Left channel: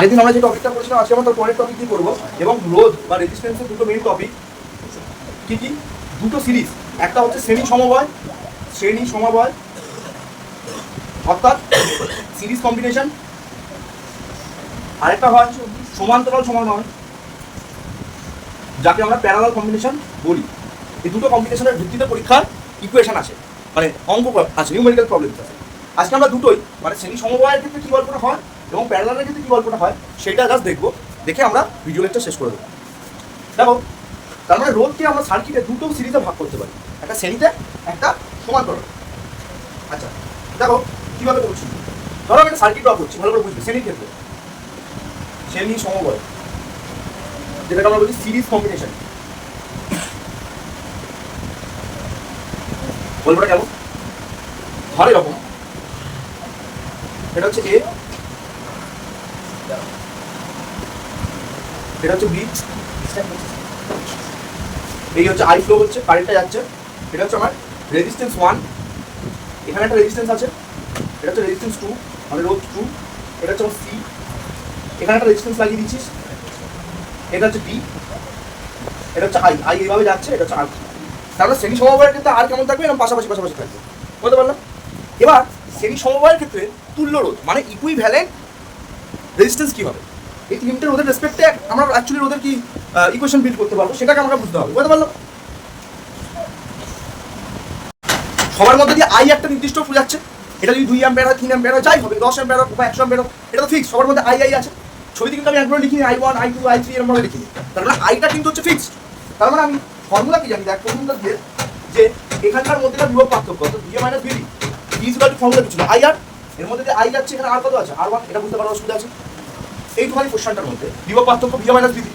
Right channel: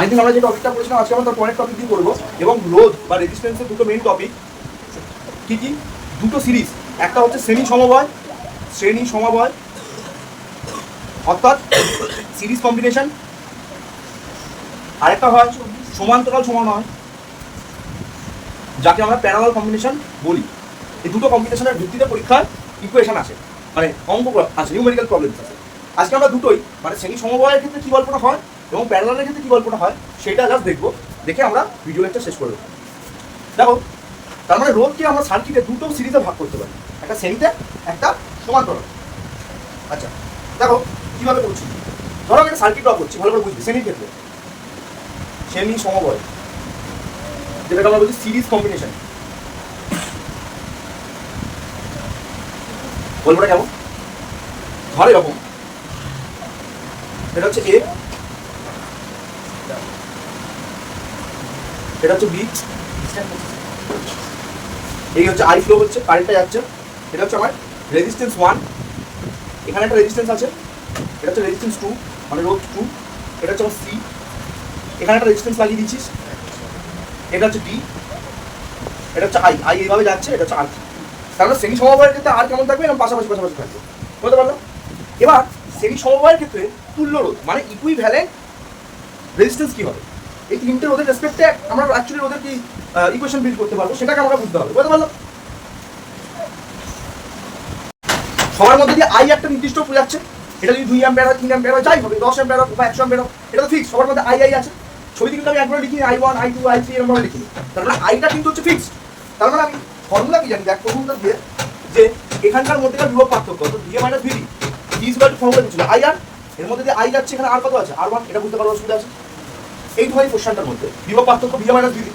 আগের দিন আমরা যে টপিকটা পড়েছিলাম আজকে আমরা তার পরের টপিক দিয়ে করবো। এবং রোধ বা রেজিস্ট্যান্সের দুটো মেইন টপিক কি কি, দুটো সিরিজ। একটা হচ্ছে শ্রেণী সমবায় অর্থাৎ সিরিজ কম্বিনেশন, আরেকটা হয় সমান্তরাল সমন্বয় যাকে আমরা প্যারালাল কম্বিনেশন বলি। এই দুটো কম্বিনেশনের ভিত্তিতে পরীক্ষার ইকুয়েশন আসে, মানে অঙ্ক আছে, নিউমেরিক্যাল প্রবলেম আছে। আজকে আমরা দুটোই মানে শ্রেণী সমবায়ের ক্ষেত্রে কী গল্পটা হয় এবং প্যারালালের ক্ষেত্রে কী গল্পটা হয় সেটা জাস্ট দেখবো, দেখে আমরা ভিডিও লেকচার শেষ করে দেবো। দেখো, তার মানে রোধকে আমরা সার্কিটে দুটো সিরিজে ভাগ করতে পারি, একটা শ্রেণীতে একটা সমান্তরাল। আচ্ছা দেখো কীভাবে করছি, ধরো আমি একটা সার্কিট ড্র করছি, ভালো করে বুঝবে। শ্রেণীর ক্ষেত্রে শ্রেণী সমবায় যেটাকে আমরা বলছি সিরিজ কম্বিনেশন, গল্পটা কেমন? ধর এরকম, এটা হচ্ছে এ, এটা হচ্ছে বি, এই হচ্ছে আই ফ্লো হচ্ছে, কারেন্টটা যাচ্ছে। এটা হচ্ছে আমার রেজিস্ট্যান্স 1, এখানে একটা রেজিস্ট্যান্স আছে, এটা হচ্ছে রেজিস্ট্যান্স 2 মানে রোধ 2, এটা হচ্ছে আমার সি, এখানে একটা রেজিস্ট্যান্স লাগিয়ে দিচ্ছিস, এটা হচ্ছে ডি, এটা হচ্ছে আই, আই এইভাবে যাচ্ছে, এটা হচ্ছে আর। তাহলে শ্রেণী সমবায়ের ক্ষেত্রে আর কেমন থাকবে, এরকম পাশাপাশি থাকবে, বলতে পারলাম। এবার শ্রেণী সমবায়ের ক্ষেত্রে তুল্য রোধ মানে ইকুইভ্যালেন্ট রেজিস্ট্যান্স কি হবে, এই তিনটে রোধের রেসপেক্টে আমরা অ্যাকচুয়ালি রোধের কি ইকুয়েশন বিল্ড করতে পারবো সেটাকে আমরা বুঝতে হবে, বলতে পারলাম। সবার মধ্যে দিয়ে আই একটা নির্দিষ্ট যাচ্ছে, এটা যদি 2 অ্যাম্পিয়ার হয় 3 অ্যাম্পিয়ার হয় যাই হবে, 10 অ্যাম্পিয়ার বা 100 অ্যাম্পিয়ার, এটা তো ফিক্স, সবার মধ্যে আই আছে। ছবিতে কিন্তু আমি একবারে লিখিনি I1 I2 I3 এরকম ভাবে লিখিনি, তার মানে আইটা কিন্তু হচ্ছে ফিক্সড। তার মানে আমি ফর্মুলা কি জানি, দেখ প্রথমটা দিয়ে যে এখানকার মধ্যে বিভব পার্থক্য অর্থাৎ VA - VD equal to formula কিছু না IR, এর মধ্যে যে আই যাচ্ছে এখানে আর কত আছে R1, এটা বুঝতে পারো অসুবিধা আছে। এই দুটো কোশ্চেনটার মধ্যে বিভব পার্থক্য VA - VD,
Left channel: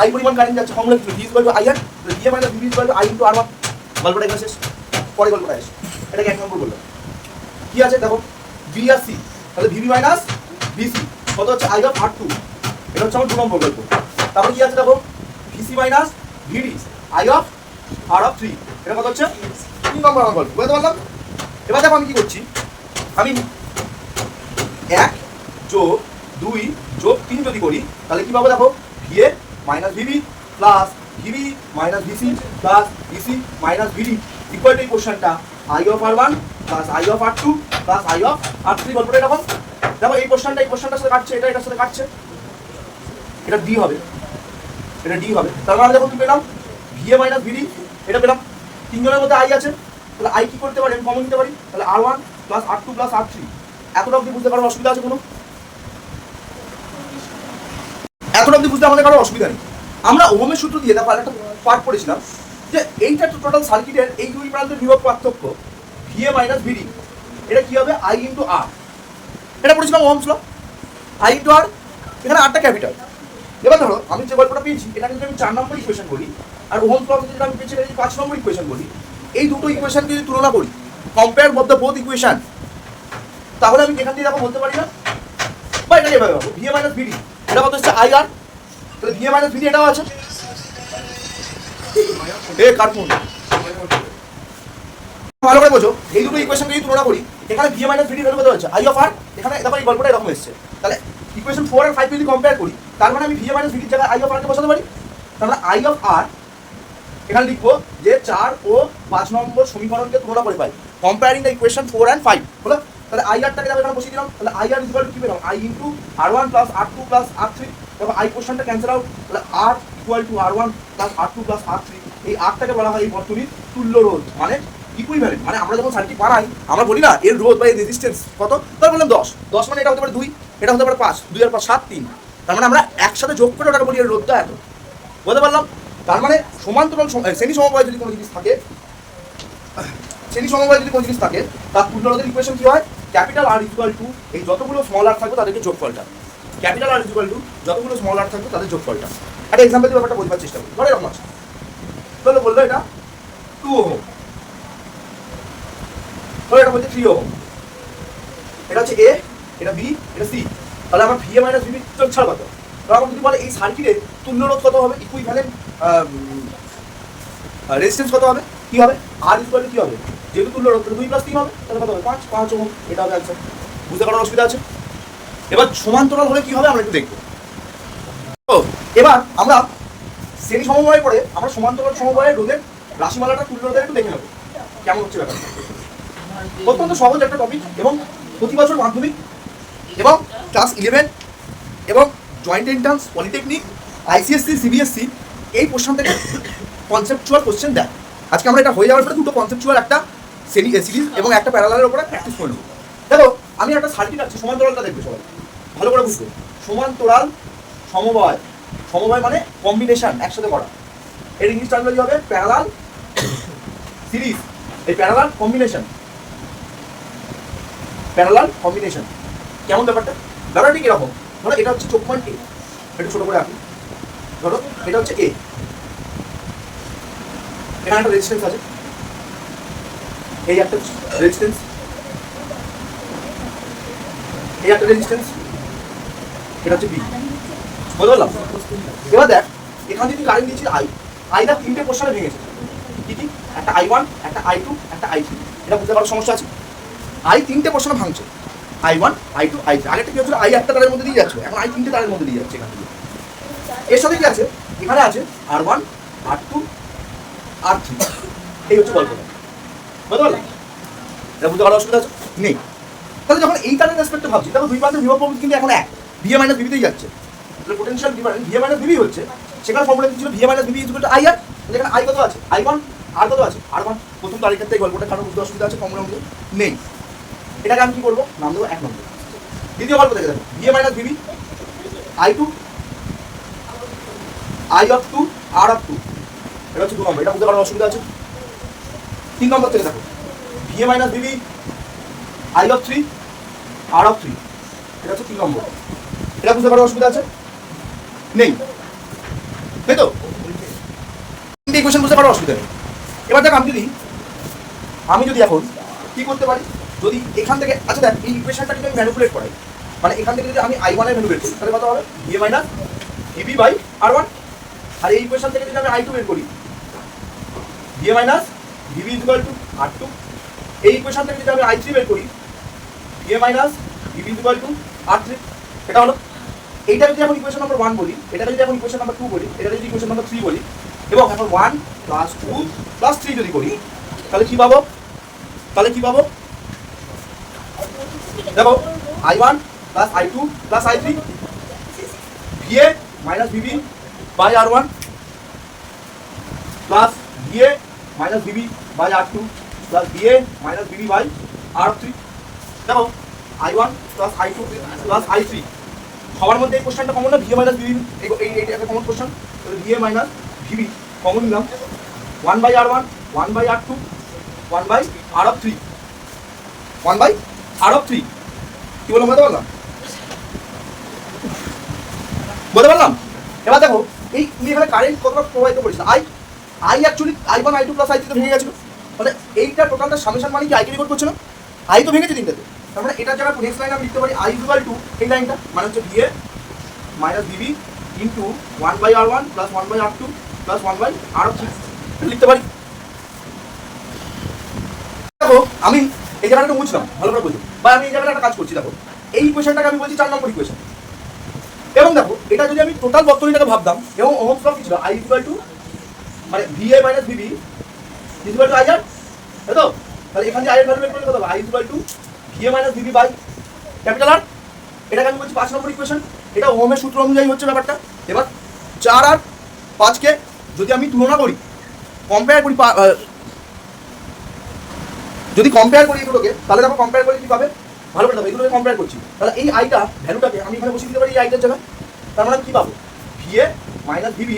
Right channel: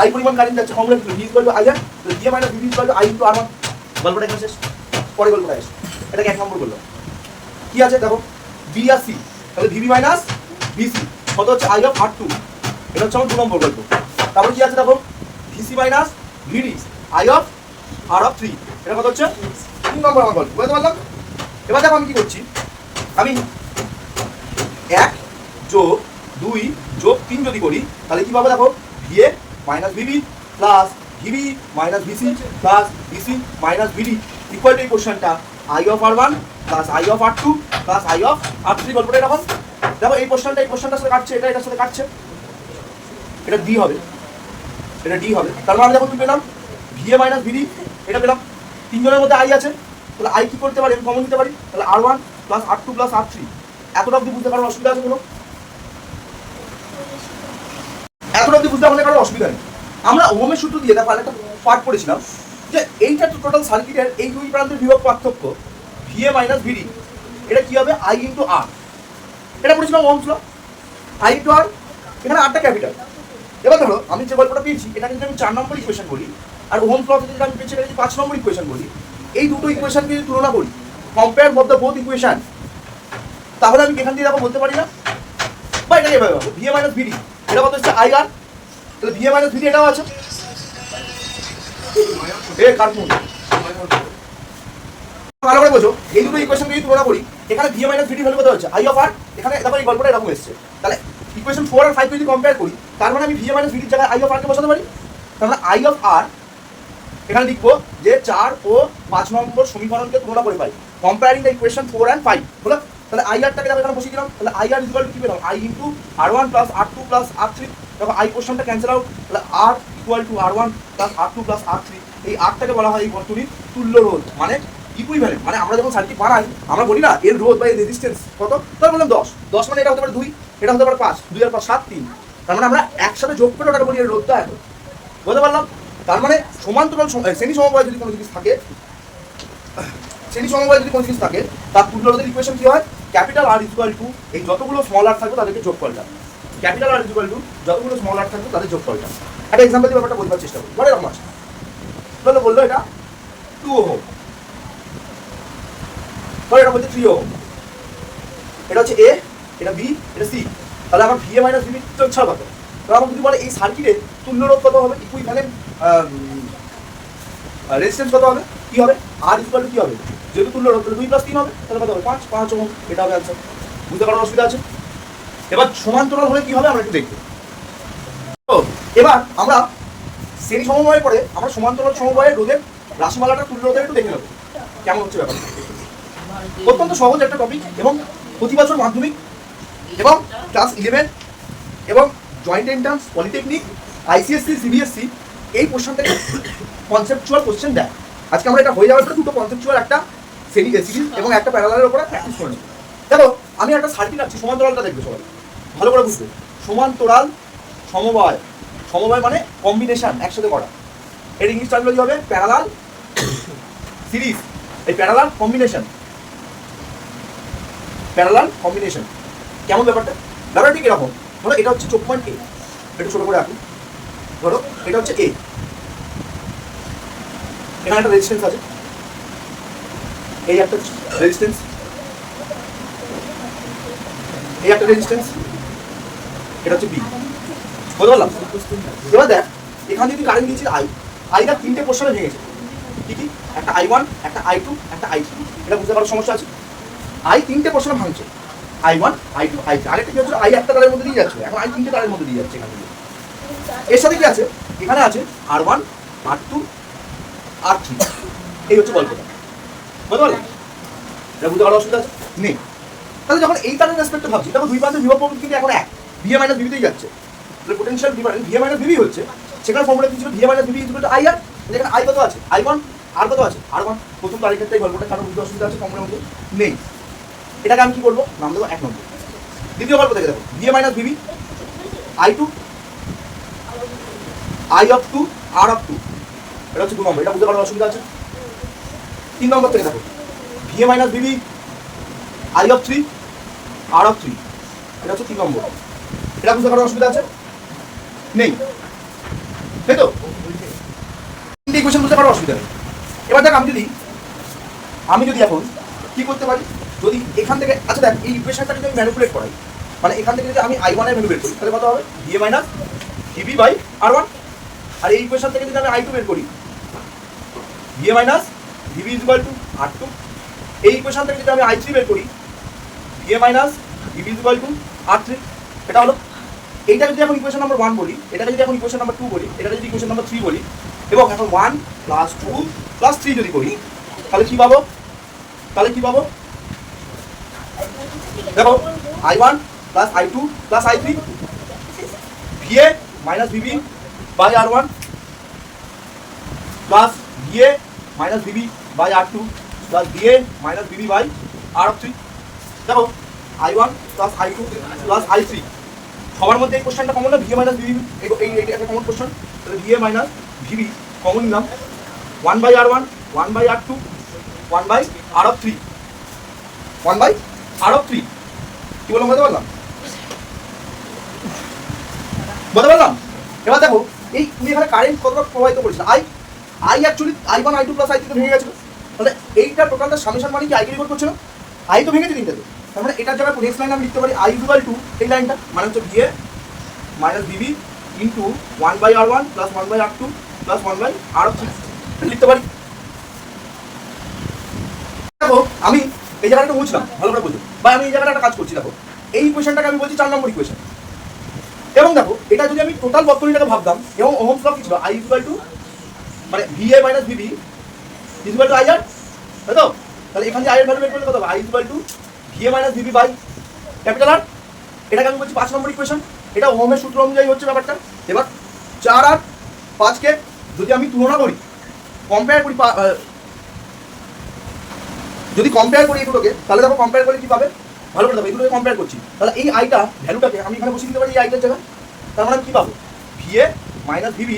আই পরিমাণ কারেন্ট যাচ্ছে, ফর্মুলা কি V equal to IR, VA - VD equal to I * R1। গল্পটা এখানে শেষ, পরে গল্পটা আসে, এটাকে 1 নম্বর বললাম। কি আছে দেখো, B আর C, তাহলে VB - VC কত হচ্ছে I of R2, এটা হচ্ছে আমার 2 নম্বর গল্প। তারপরে কি আছে দেখো, VC - VD I of R3, এটা কত হচ্ছে 3 নম্বর আমার গল্প, বুঝতে পারলাম। এবার দেখো আমি কি করছি, আমি 1 যোগ 2 যোগ 3 যদি করি তাহলে কি পাবো দেখো, VA - VB plus VB - VC plus VC - VD equal to এই কোশ্চেনটা I of R1 plus I of R2 plus I of R3। গল্পটা এরকম দেখো, এই কোশ্চেনটার সাথে কাটছে, এটা এটার সাথে কাটছে, এটা D হবে, এটা D হবে। তার মানে দেখো কি পেলাম, VA - VD এটা পেলাম, তিনজনের মধ্যে I আছে, তাহলে I কি করতে পারি, আমি কমন নিতে পারি, তাহলে R1 plus R2 plus R3। এতটা অবধি বুঝতে পারো অসুবিধা আছে কোনো? এতটা অবধি বুঝতে আমাদের কারো অসুবিধা নেই। আমরা ওহমের সূত্র দিয়ে তারপর একটা পার্ট পড়েছিলাম যে এইটা টোটাল সার্কিটের এই দুই প্রান্তের বিভব পার্থক্য VA - VD, এটা কি হবে I * R, এটা পড়েছিলাম ওহমস ল, I * R, এখানে আরটা ক্যাপিটাল। এবার ধরো আমি যে গল্পটা পেয়েছি এটা কিন্তু আমি 4 নম্বর ইকুয়েশন বলি, আর ওহমস ল থেকে যেটা আমি পেয়েছি এটা 5 নম্বর ইকুয়েশন বলি। এই দুটো ইকুয়েশনকে যদি তুলনা করি, কম্পেয়ার বোথ ইকুয়েশন, তাহলে আমি এখান থেকে দেখো বলতে পারি না, বা এটা এভাবে পাবো VA - VD এটা কত হচ্ছে IR, তাহলে VA - VD এটাও আছে, কার্টুন ভালো করে বোঝো। এই দুটো ইকুয়েশন যদি তুলনা করি, এখানে VA - VD ভ্যালু কত হচ্ছে I of R, এখানে দেখো এই গল্পটা এরকম এসেছে। তাহলে ইকুয়েশন 4 আর 5 যদি কম্পেয়ার করি, তার মানে আমি VA - VD জায়গায় I of R কে বসাতে পারি। তার মানে I of R এখানে লিখবো যে 4 ও 5 নম্বর সমীকরণকে তুলনা করে পাই, কম্পেয়ারিং দ্য ইকুয়েশন 4 and 5 হলো। তাহলে IR টাকে আমি এখানে বসিয়ে দিলাম, তাহলে IR ইকুয়াল টু কি পেলাম, I * R1 plus R2 plus R3। দেখো I কোশ্চেনটা ক্যান্সেল আউট, তাহলে R equal two R1 plus R2 plus R3। এই Rটাকে বলা হয় এই বর্তনীর তুল্য রোধ মানে ইকুইভ্যালেন্ট। মানে আমরা যখন সার্কিট বানাই আমরা বলি না এর রোধ বা এর রেজিস্ট্যান্স কত, তার বললাম 10 মানে এটা হতে পারে 2, এটা হতে পারে 5, 2 আর 5 7 3। তার মানে আমরা একসাথে যোগ করে ওটাকে বলি এর রোধটা এত, বুঝতে পারলাম। তার মানে সমান্তরাল শ্রেণী সমবায় যদি কোনো জিনিস থাকে, তার তুল্য রোধের ইকুয়েশন কি হয়, ক্যাপিটাল R ইকুয়াল টু এই যতগুলো স্মল r থাকবে তাদেরকে যোগফলটা, ক্যাপিটাল R ইকুয়াল টু যতগুলো স্মল r থাকবে তাদের যোগফলটা। একটা এক্সাম্পল দিয়ে ব্যাপারটা বোঝার চেষ্টা করি। ধরো এরকম আছে, বললো এটা 2 ওহম, ধরো এটা হচ্ছে 3 ওহম, এটা হচ্ছে A, এটা B, এটা C। তাহলে আমার VA - VD ছাড়া কত, তাহলে আমার যদি বলে এই সার্কিটের তুল্য রোধ কত হবে, ইকুইভ্যালেন্ট রেজিস্ট্যান্স কত হবে, কি হবে R ইকুয়াল টু কি হবে, যেহেতু তুল্য রোধ 2 + 3 হবে, তাহলে কত হবে 5 ওহম, এটা হবে অ্যান্সার। বুঝতে পারার অসুবিধা আছে? এবার সমান্তরাল হলে কি হবে আমরা একটু দেখবো। তো এবার আমরা শ্রেণী সমবায়ের পরে আমরা সমান্তরাল সমবায়ের রোধের রাশিমালাটা তুল্য রোধের একটু দেখে নেবো কেমন হচ্ছে ব্যাপারটা। অত্যন্ত সহজ একটা টপিক এবং প্রতি বছর মাধ্যমিক এবং ক্লাস 11 এবং joint entrance polytechnic ICSE CBSE এই প্রশ্ন থেকে কনসেপচুয়াল কোশ্চেন দেয়। আজকে আমরা এটা হয়ে যাওয়ার পরে দুটো কনসেপচুয়াল একটা সিরিজ এবং একটা প্যারালালের উপরে প্র্যাকটিস করে নিই। দেখো আমি একটা সার্কিট রাখছি, সমান্তরালটা দেখবে সবাই ভালো করে বুঝবে। সমান্তরাল সমবায়, সমবায় মানে কম্বিনেশন একসাথে করা, এর ইংলিশ টার্মিনোলজি হবে প্যারালাল সিরিজ। এই প্যারালাল কম্বিনেশন, প্যারালাল কম্বিনেশন কেমন ব্যাপারটা? ব্যাপারটা ঠিক এরকম, ধরো এটা হচ্ছে চোখ পয়েন্ট এ, একটু ছোট করে রাখি, ধরো এটা হচ্ছে এ, এখানে একটা রেজিস্ট্যান্স আছে, এই একটা রেজিস্ট্যান্স, এই একটা রেজিস্ট্যান্স, এটা হচ্ছে বি, বুঝতে পারলাম? এবার দেখ এখানে যদি কারেন্ট দিয়েছি আইটা তিনটে পোর্শনে ভেঙেছে, কি কি? একটা I1, একটা I2, একটা I3। এটা বুঝতে পারার সমস্যা আছে? আই তিনটে পোর্শনে ভাঙছে, I1, I2, I3। আরেকটা কি হচ্ছে, আই একটা তারের মধ্যে দিয়ে যাচ্ছে, এখন আই তিনটে তারের মধ্যে দিয়ে যাচ্ছে। এখান থেকে এর সাথে কি আছে, এখানে আছে R1, R2, R3। এই হচ্ছে গল্পটা, বুঝতে পারলাম? এটা বুঝতে পারার অসুবিধা আছে নেই। তাহলে যখন এই তারের রেসপেক্টে ভাবছি, তখন দুই প্রান্তের বিভব প্রকৃতি কিন্তু এখন এক, VA মাইনাস VB তেই যাচ্ছে। তাহলে potential difference VA minus VB হচ্ছে, সেখানে ফর্মুলা ছিল VA minus VB equal two IR। যেখানে I কত আছে, I1, আর কত আছে, R1। প্রথম তারের ক্ষেত্রে এই গল্পটা কারণ বুঝতে অসুবিধা আছে, ফর্মুলার মধ্যে নেই। এটাকে আমি কি করবো, নাম দেবো 1 নম্বর। দ্বিতীয় গল্প দেখে দেখো, VA minus VB, I2, I of 2, R of 2। এটা হচ্ছে 2 নম্বর, এটা বুঝতে পারার অসুবিধা আছে। 3 নম্বর থেকে দেখো, VA minus VB, I of 3, R of 3। এটা হচ্ছে 3 নম্বর, এটা বুঝতে পারার অসুবিধা আছে নেই, তাই তো? তিনটে ইকুয়েশন বুঝতে পারার অসুবিধা নেই। এবার দেখ আমি যদি এখন কি করতে পারি, যদি এখান থেকে, আচ্ছা দেখ এই ইকুয়েশনটা যদি আমি ম্যানিপুলেট করাই, মানে এখান থেকে যদি আমি I1 এর ভ্যালু বের করি, তাহলে কত হবে, VA minus VB by R1। আর এই ইকুয়েশন থেকে যদি আমি I2 বের করি, VA minus VB equal to R2। এই ইকুয়েশন থেকে যদি আমি I3 বের করি, VA minus VB equal two R3। এটা হলো, এইটা যদি এখন ইকুয়েশন নাম্বার 1 বলি, এটাকে যদি এখন ইকুয়েশন নাম্বার 2 বলি, এটাকে যদি ইকুয়েশন নাম্বার 3 বলি, এবং এখন 1 প্লাস 2 প্লাস 3 যদি করি, তাহলে কি পাবো? দেখো I1 plus I2 plus I3, VA minus VB by R1 plus VA minus VB by R2 plus VA minus VB by R3। দেখো I1 plus I2 plus I3, সবার মধ্যে এই কোশ্চেনটা কমন না, VA মাইনাস VB, এই একটা common question. তাহলে VA minus VB common নিলাম, 1 by R1, 1 by R2, 1 by R of 3, 1 by R of 3। কি বললাম, বলতে পারলাম? এবার দেখো এই তুমি এখানে কারেন্ট কতটা প্রবাহিত করেছিল, I actually I1, I2 plus I3 তো ভেঙে গেছিল। তাহলে এইটা টোটালটা সামেশন মানে কি, I রিপোর্ট করছে না, I তো ভেঙেছে তিনটাতে। তার মানে এটার জায়গায় নেক্সট লাইন আমি লিখতে পারি I ইকুয়াল টু এই লাইনটা, মানে হচ্ছে VA minus VB into 1 by R1 plus 1 by R2 plus 1 by R of 3 লিখতে পারি। দেখো আমি এই জায়গাটা বুঝলাম, ভালো করে বুঝি, বা আমি এই জায়গাটা একটা কাজ করছি। দেখো এই ইকুয়েশনটাকে আমি বলছি 4 নম্বর ইকুয়েশন। এবং দেখো এটা যদি আমি টোটাল বর্তনীটাকে ভাবতাম, এবং ওহমস ল কি ছিল, I ইকুয়াল টু মানে VA minus VB equal two IR, তাই তো? তাহলে এখানে I এর ভ্যালু বের করলে কত হবে, I equal to VA minus VB by capital R। এটাকে আমি বলছি 5 নম্বর ইকুয়েশন। এটা ওহমের সূত্র অনুযায়ী হচ্ছে ব্যাপারটা। এবার 4 আর 5 কে যদি আমি তুলনা করি, কম্পেয়ার করি, যদি কম্পেয়ার করি এগুলোকে, তাহলে দেখো কম্পেয়ার করে কি পাবে, ভালো করে দেখো এগুলোকে কম্পেয়ার করছি। তাহলে এই আইটা ভ্যালুটাকে আমি এখানে বসিয়ে দিতে পারি এই আইটার জায়গায়। তার মানে কি পাবো, VA minus VB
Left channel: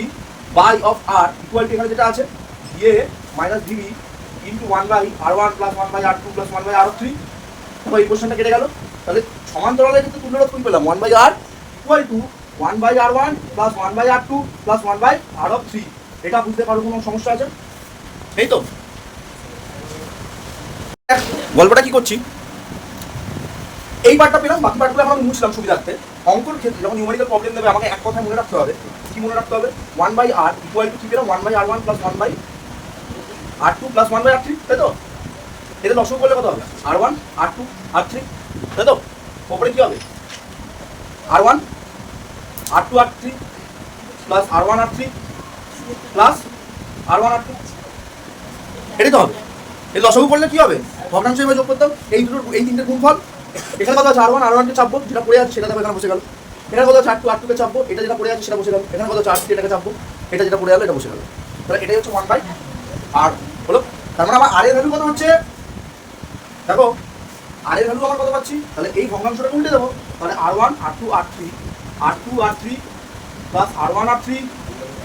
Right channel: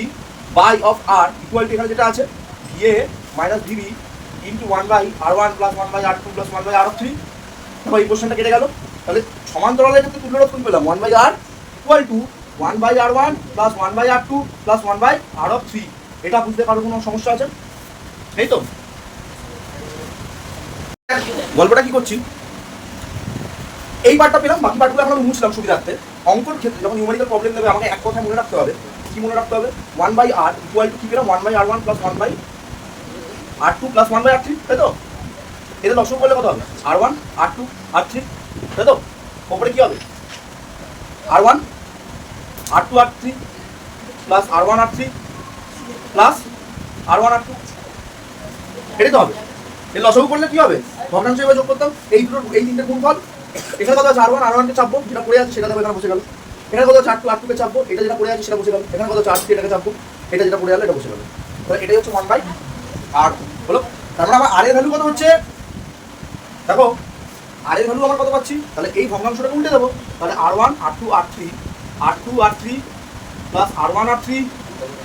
by of R equal to এখানে যেটা আছে VA minus VB into 1 by R1 plus 1 by R2 plus 1 by R of 3। তারপর এই কোশ্চেনটা কেটে গেল। তাহলে সমান্তরালের ক্ষেত্রে তুল্য রোধ কোন পেলাম, 1 by R equal to 1 by R1 plus 1 by R2 plus 1 by R of 3। এটা বুঝতে কারো কোনো সমস্যা আছে? এই তো গল্পটা কি করছি, এই পার্টটা পেলাম, বাকি পার্টগুলো এখন আমি মুছলাম সুবিধার্থে। অঙ্কর ক্ষেত্রে যখন নিউমেরিক্যাল প্রবলেম দেবে আমাকে এক কথা মনে রাখতে হবে, কি মনে রাখতে হবে, 1 বাই R ইকুয়াল টু কি পেলাম, 1 by R1 plus 1 by R2 plus 1 by R3, তাই তো? এটা দশক করলে কত হবে, R1 R2 R3, তাই তো? ওপরে কি হবে, R1 R2 R3 plus R1 R3 plus R1 R2, এটাই তো হবে। এই লসাগু করলে কি হবে? ভগ্নাংশ হিসেবে যোগ করতাম এই দুটোর, এই তিনটের গুণফল। এখানে কত আছে? R1 R1 কে চাপবো, যেটা পড়ে আছে সেটা এখানে বসে গেল। এখানে কত আছে? R2 R2 কে চাপবো, এটা যেটা পড়ে আছে সেটা বসে গেল। এখানে কত আছে? R3 এটাকে চাপবো, এটা যেটা পড়ে গেল এটা বসে গেল। তাহলে এটাই হচ্ছে 1/R হলো। তার মানে আমার R এর ভ্যালু কত হচ্ছে? দেখো R এর ভ্যালু আমার কত পাচ্ছি? তাহলে এই ভগ্নাংশটাকে উল্টে দেবো। তাহলে R1 R2 R3 R2 R3 plus R1 R3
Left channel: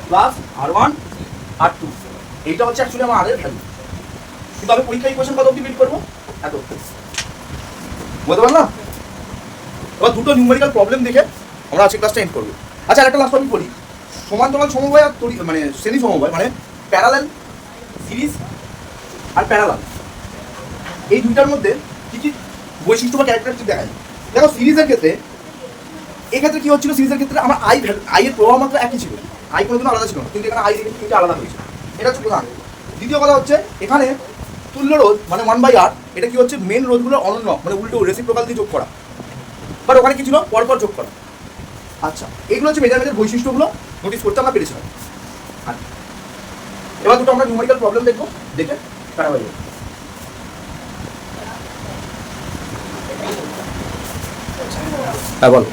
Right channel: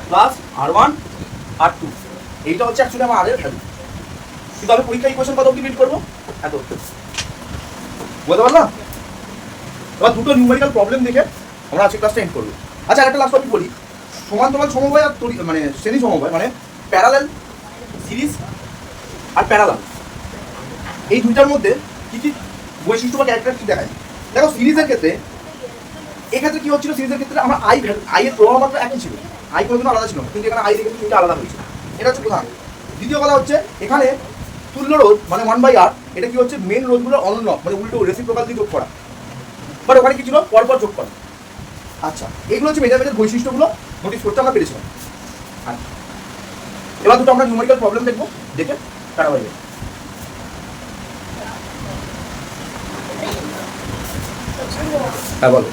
plus R1 R2, এইটা হচ্ছে অ্যাকচুয়ালি আমার R এর ভ্যালু। কিন্তু আমি পরীক্ষা ইকুয়েশন কত অবধি বিল্ড করবো? এত বুঝতে পারলাম। এবার দুটো নিউমেরিক্যাল প্রবলেম দেখে আমরা আজকে ক্লাসটা এন্ড করবো। আচ্ছা আরেকটা লাস্ট আমি বলি, সমান্তরাল সমবায় আর মানে শ্রেণী সমবায়, মানে প্যারালাল সিরিজ আর প্যারালাল, এই দুইটার মধ্যে কি কি বৈশিষ্ট্য বা ক্যারেক্টারিস্টিক দেখায়। দেখো সিরিজের ক্ষেত্রে, এক্ষেত্রে কি হচ্ছিল? সিরিজের ক্ষেত্রে আমার আই এর প্রভাব মাত্র একই ছিল, আই কোনোদিন আলাদা ছিল না, কিন্তু এখানে আই কিন্তু দুটো আলাদা হয়েছে। এটা হচ্ছে প্রধান। দ্বিতীয় কথা হচ্ছে এখানে তুল্য রোধ মানে 1/R, এটা কি হচ্ছে? মেন রোধগুলো অনন্য, মানে উল্টো রেসিপ্রোকাল দিয়ে যোগ করা, বাট ওখানে কি ছিল? পরপর যোগ করা। আচ্ছা, এইগুলো হচ্ছে মেজারমেন্টের বৈশিষ্ট্যগুলো নোটিস করতে আমরা পেরেছিলাম। আচ্ছা, এবার দুটো আমরা নিউমেরিক্যাল প্রবলেম দেখবো, দেখে কাটা হয়ে যাবে। হ্যাঁ বলো,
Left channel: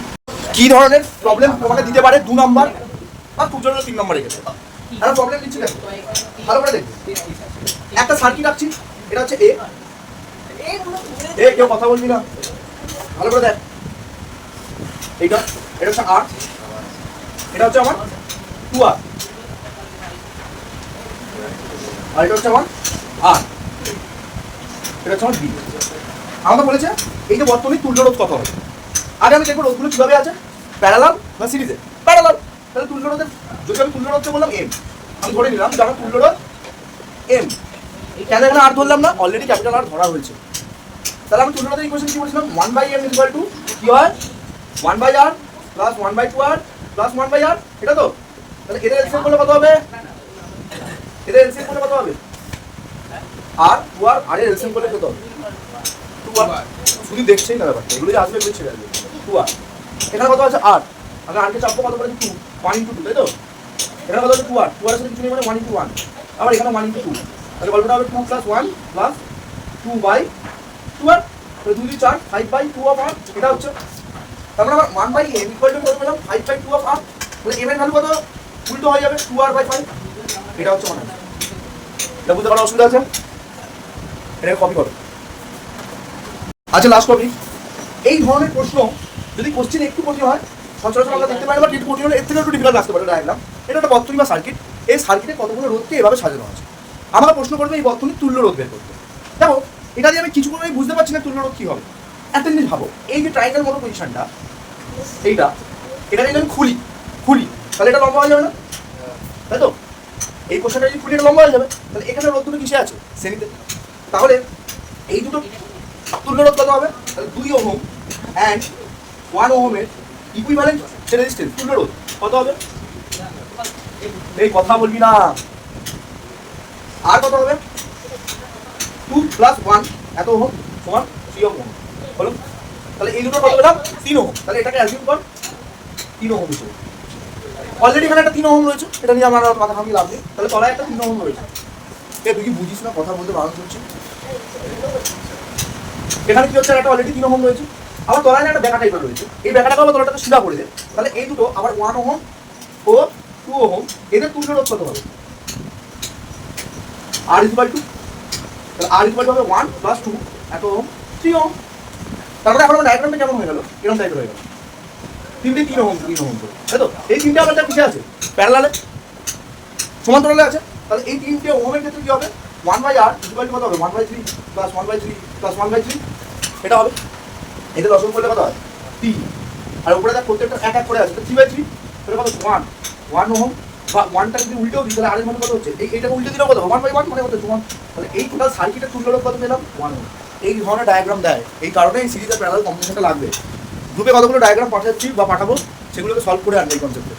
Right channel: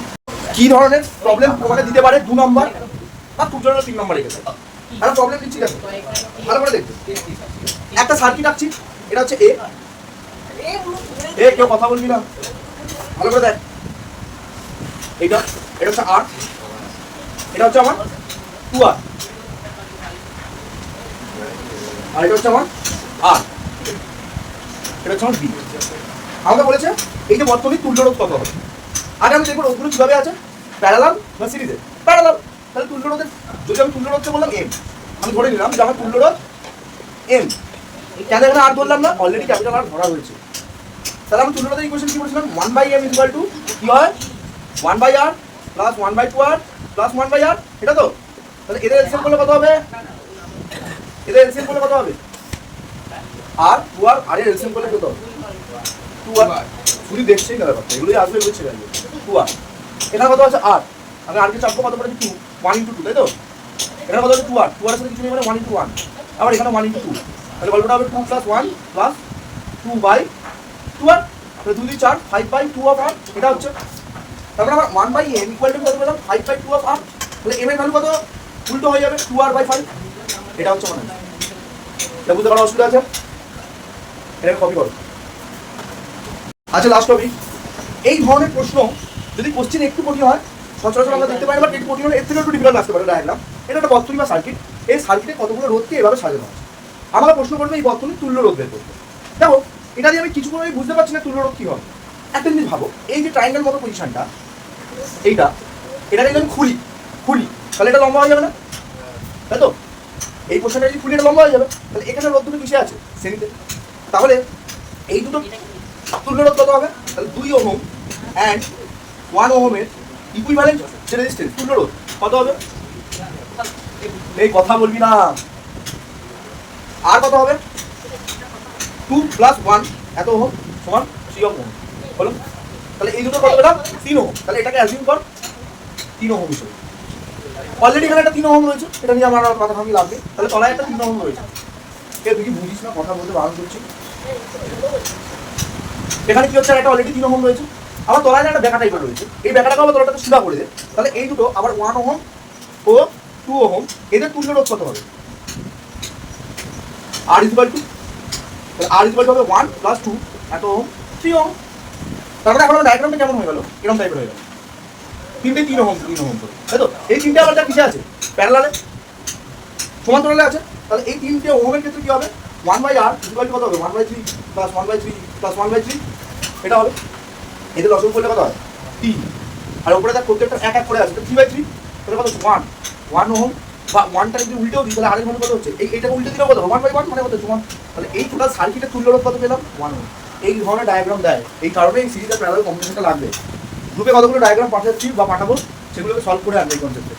কি ধরনের প্রবলেম তোমাকে দিতে পারে? 2 নম্বর বা তুর জন্য 3 নম্বর রেখেছে। আর প্রবলেম দিচ্ছি দেখো, ভালো করে দেখবে। একটা সার্কিট আঁকছি, এটা হচ্ছে এ। কেউ কথা বলবি না, ভালো করে দেখ। এটা হচ্ছে আর, এটা হচ্ছে আমার 2R, আর এটা হচ্ছে আমার আর, এটা হচ্ছে আমার বি। আমাদের বলেছে এই যে বর্তমানে তুল্য রোধ কত হবে। আগে আমি দেখবো রোধগুলো কিভাবে আছে, প্যারালাল না সিরিজে? প্যারালাল। তাহলে তুল্য রোধের, যদি আমি তুল্য রোধকে বললাম এম, আমি ধরে নিলাম যে আমার তুল্য রোধ এম। কেন এখানে আর ধরলাম না? অলরেডি ক্যাপিটাল আর ধরা হয়েছে। তাহলে আমি তুল্য রোধের ইকুয়েশন কি বলছিলাম? 1/m ইকুয়াল টু কি হয়? 1/R plus 1/2R plus 1/R, এটা তো। তাহলে এদের এলসিএম করলে কত হবে? এদের এলসিএম করলে কত হবে? আর 2R, আর এর এলসিএম করলে কত হবে? 2R। শুধু দেখছেই না ব্যাপারটা, এগুলোই আসবে বুঝছে গেল। 2R, এখানে কত আছে? আর আমি আর কে চাপবো, কত পড়েছে? 2, 1 × 2, তাই তো। এখানে কত আছে? 2R, 2R এর সাথে কিছু নেই মানে 1 × 1, আবার এখানে 1 × 2। তাহলে গল্পটা হবে 2 + 1 + 2/2R, তাহলে 2 × 4 5/2R, এটা হচ্ছে। তারপর আমার 1/m ইকুয়াল টু কত পেলাম? 5/2R। তাহলে m এর ভ্যালু কত? উল্টো হয়ে যাবে 2R/5, এটা হচ্ছে আমার। এটা বুঝতে পারো অসুবিধা আছে? এটা কপি করো। আচ্ছা লাস্ট টপিক, এই ধরনের প্রশ্ন যদি কোশ্চেন একটু কঠিন হয়, সচরাচর আমরা দেখতে পাই, বা একটু কঠিন হলে একটু ডিফিকাল্ট আসতে পারে। ডায়াগ্রাম, এটা একটা বর্তনী বা সার্কিট, এই সার্কিটে কতগুলো রোধকে এভাবে সাজানো আছে। আমাকে প্রশ্ন করবে এই বর্তনী তুল্য রোধ বের করতে। দেখো এটা দিয়ে আমি কিছু করে বুঝতে পারছি না তুল্য রোধ কি হবে। একটা জিনিস ভাবো, এই যে ট্রায়াঙ্গেল মতো পজিশনটা, এইটা, এটা যদি আমি খুলি তাহলে এটা লম্বা হয়ে যাবে না, তাই তো? এই পোর্শনটা যদি খুলি এটা লম্বা হয়ে যাবে। তাহলে এখানে রোধ দুটো কিসে আছে? শ্রেণীতে। তাহলে এই দুটো তুল্য রোধ কত হবে? তাহলে 2 ওহম অ্যান্ড 1 ওহমের ইকুইভ্যালেন্ট যে রেজিস্ট্যান্স তুল্য রোধ কত হবে? এই কথা বলবি না। আর কত হবে? 2 + 1 এত ওহম সমান 3 ওহম হলো। তাহলে এই দুটো কত পেলাম? 3 ওহম। তাহলে এটাকে অ্যাজিউম কর 3 ওহম হিসেবে। অলরেডি এখানে একটা 3 ওহম রয়েছে, এটা নিয়ে আমার কথা ভাবি লাভ নেই। তাহলে তলায় একটা 3 ওহম রয়েছে। তুই কি বুঝিস না কথা বলতে বারণ করছি? এখানে কি হচ্ছে? একটা অলরেডি 3 ওহম রয়েছে, আবার তলায় একটা বেঁকা টাইপের রয়েছে। এই বেঁকাটাকে আবার তলাটাকে সিধা করে দে। তাহলে এই দুটো আবার 1 ওহম ও 2 ওহম, এদের তুল্য রোধ কত হবে? R = 2। তাহলে R = হবে 1 + 2 এত ওহম, 3 ওহম। তারপরে এখন ডায়াগ্রামটা কেমন হয়ে গেল? এরকম টাইপের হয়ে গেল, 3 ওহম 3 ওহম করে, তাই তো? এই তিনটে আবার কিসে আছে? প্যারালালে, সমান্তরালে আছে। তাহলে এই তিনটে ওহমের ক্ষেত্রে কি হবে? 1/R = কত হবে? 1/3 + 1/3 + 1/3, এটা হবে। এদের লসম করলে কত হয়? 3। আর উপরে তার প্রত্যেকটা এক এক করে আছে, 3/3, তাহলে কত? 1 ওহম। বা 1টা যদি উল্টেও দিই তাহলে আর এর মানে কত হচ্ছে? এইটা উল্টে দিলেও কত? 1/1 মানে কত? 2। তাহলে এই টোটাল সার্কিটের তুল্য রোধ কত পেলাম? 1 ওহম। এই ধরনের ডায়াগ্রাম দেয়, এই কারণে এই সিরিজের প্যারালাল কম্বিনেশনটা লাগবে। গ্রুপে কতগুলো ডায়াগ্রাম পাঠাচ্ছি বা পাঠাবো, সেগুলোকে সলভ করে আনবে এই কনসেপ্টে।